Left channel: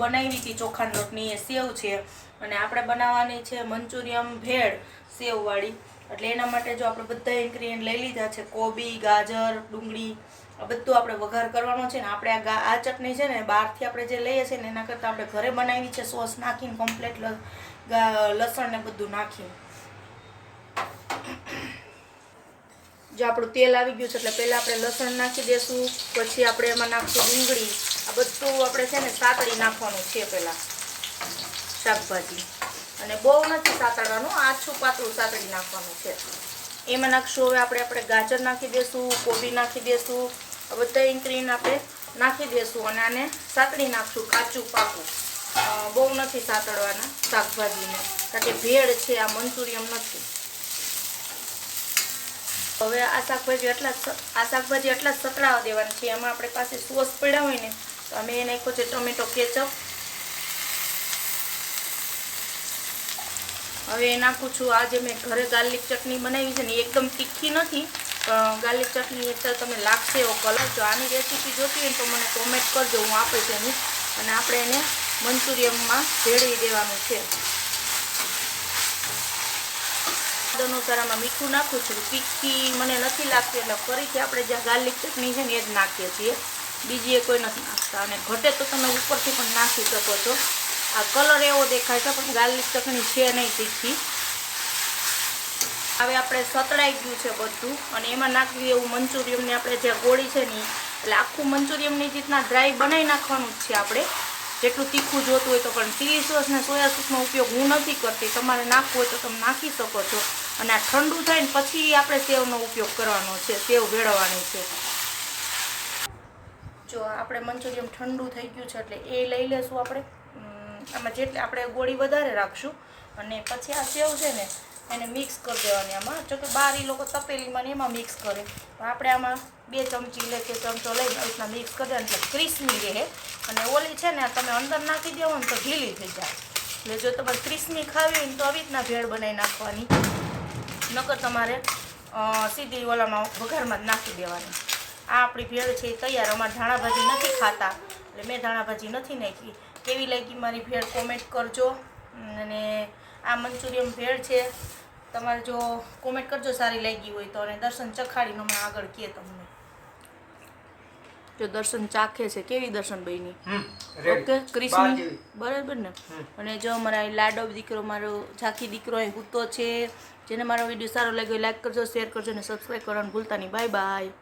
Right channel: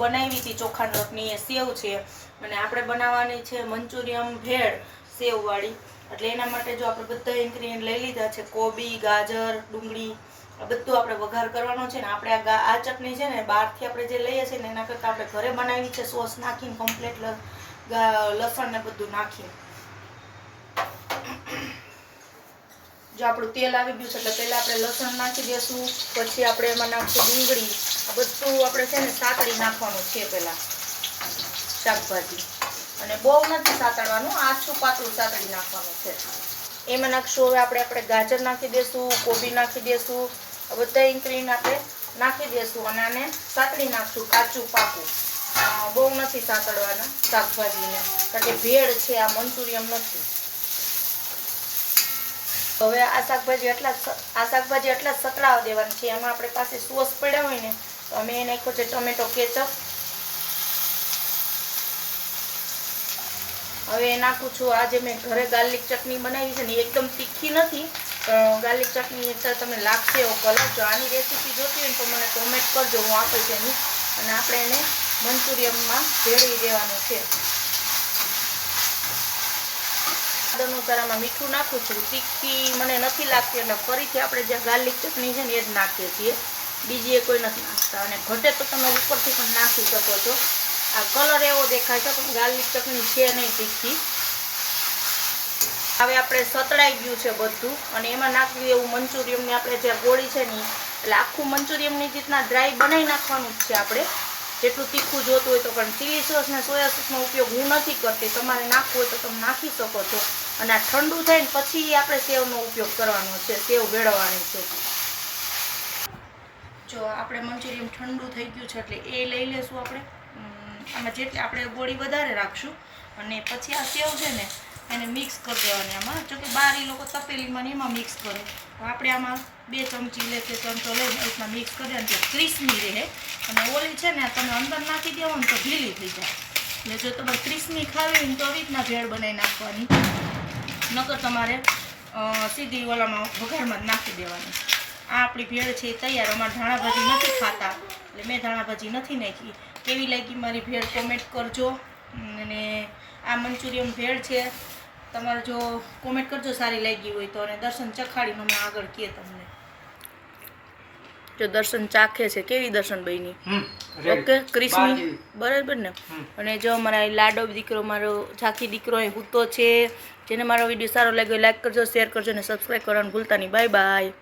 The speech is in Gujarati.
બનાવી હતી ચોખાના લોટની, એ સેવ છે. અને આપણે બનાવવાની છે મંચુરિયમ ભેળ સેવવાળી. એટલે એના માટે જો આપણે બધા ઇન્ગ્રીડિયન્ટ લઈ લીધા છે, કોબી, ગાજર, ડુંગળી, આ બધું આપણે વઘાર કરવાનો છે. ને આપણે આ ચટણી છે ને બહારથી આપણે જે લઈએ છીએ ને એના કરતાં આપણે ઘરે બનાવી છે, સોસ નાખીને કમ્પ્લીટ લસણ ને બધું નાખીને. જો આપણું તેલ આવી ગયું છે એટલે પહેલાં આપણે લસણ નાખી દઈશું, પછી આપણે એમાં નાખીશું ડુંગળી. આ બધું આપણે છે ને સાતળી નાખવાનું છે પહેલાં શાકભાજી. અને બહુ નથી સાતળવાનું, આછું પાતળું સાતળી નાખવાનું છે. એમાં નાખશું હવે આપણે ગાજર નાખી દઈશું, કોબી નાખી દઈશું. આ બધા ઇન્ગ્રીડિયન્ટ આપણે નાખી દઈશું અને આને સાતળી નાખશું કાચું પાકું. બહુ નથી સાતળવાનું શાકભાજીને, કારણ કે ભેળ છે, આ મંચુરિયમ નથી. હવે આ શાકભાજી એટલા જ સતળાવા દેવાની છે. એમાં આપણે પાસે સોસ પડ્યા હોય ને તો અમે એ નાખ્યો છે ટોમેટો કેચઅપ. હવે એ નાખું છું આ જે મેં ઘરે ગાર્લિક ચટણી બનાવી છે ને, એકદમ તીખી નથી, પણ ગાર્લિક ચટણી એટલે તમે લાગશે એવો કલર. જો આની રેસીપી જોતી હોય તો મને કોમેન્ટ કરજો, હું આપીશ એની. અને આપણે એને મંચુરિયમમાં ભેળવી દેવાનું છે. અનુસારમાં મીઠું નાખું છું, તીખી મને નથી લાગતી એટલે ફરીથી આપણે જ્યાં ગાર્લિક ચટણી છે ને એ જ નાખીએ છીએ, બીજી એ કોઈ નથી નાખતા. અને ઘટે તો તમે ઉપરથી પણ નાખી શકો છો. આ કલર એવો દેખાય છે પણ ગાર્લિક ચટણી છે નહીં તીખી. હવે આપણે સતળાઈ ગયું છે બધું અને એમાં નાખી દેવું મંચુરિયમની આપણે જે ગોળી છે ને, એટલે આખું મંચુરિયમની રીતના ડ્રાય બનાવી નાખવાનું જ છે આપણે, જેટલું તીખું જોતું હોય તો. પણ ચીલી સોસ ને સોયા સોસનો ઉપયોગ હું નથી કરતી, તમારે નાખવું હોય તો તમે નાખી શકો છો. અને આ ઠંડુ થાય ને પછી આપણે સેવનો ઉપયોગ કરવાનો છે, સેવ ભેળવવાની છે. જો આપણે મંચુરિયમ ઠંડુ થઈ ગયું છે એટલે એ લઈ લેશું આપણે. આમાં જેટલી આપણે ગોળી વધારે રાખશું અને પછી આ સેવ છે ને એને મિક્સ કરી દેવાની આમાં. જો કે બહાર એ લોકો તપેલીમાં ને એમાં મિક્સ કરે, આપણે આમાં 2 ચમચી લે કે ચમચો લઈને એ રીતના મિક્સ કરી દેવાનું એટલે ક્રિસ્પી રહે. અને ઓલી છે ને તમે અંદર નાખી દેવો ને તો ઢીલી થઈ જાય. એટલે જો તમે ક્રિસ્પી ખાવી હોય ને તો આવી રીતના ભેળ બનાવી નાખવાની, નકર તમારે સીધી ઓલામાં વઘારમાં જ નાખી દેવાની. આ આપણી ભેળ છે એ તૈયાર. અમારે ધાણાભાજી નથી ખાતા એટલે મેં ધાણાભાજી નથી નાખી. કેવી લાગી મારી ભેળ કોમેન્ટ કરજો. અને આ મંચુરિયમ ભેળ છે, તમારે જો કોમેન્ટ કરજો સારી લાગી હોય તો. અને દર્શન ચખાડીનું મેં આગળ કહે તમને. જો દર્શન ચાખે છે, કેવી દર્શન બની? ઓકે, ક્રિસ્પી બરાબર ને? અને જો અમારા લાડો દીકરો, મારો ઝાંખી દીકરો અહીં હૂતો છે. જેને મારો વિડીયો સારો લાગ્યો લાઈક કરજો, શેર કરજો અને સબસ્ક્રાઈબ કરવાનું ભૂલતા નહીં. Bye bye.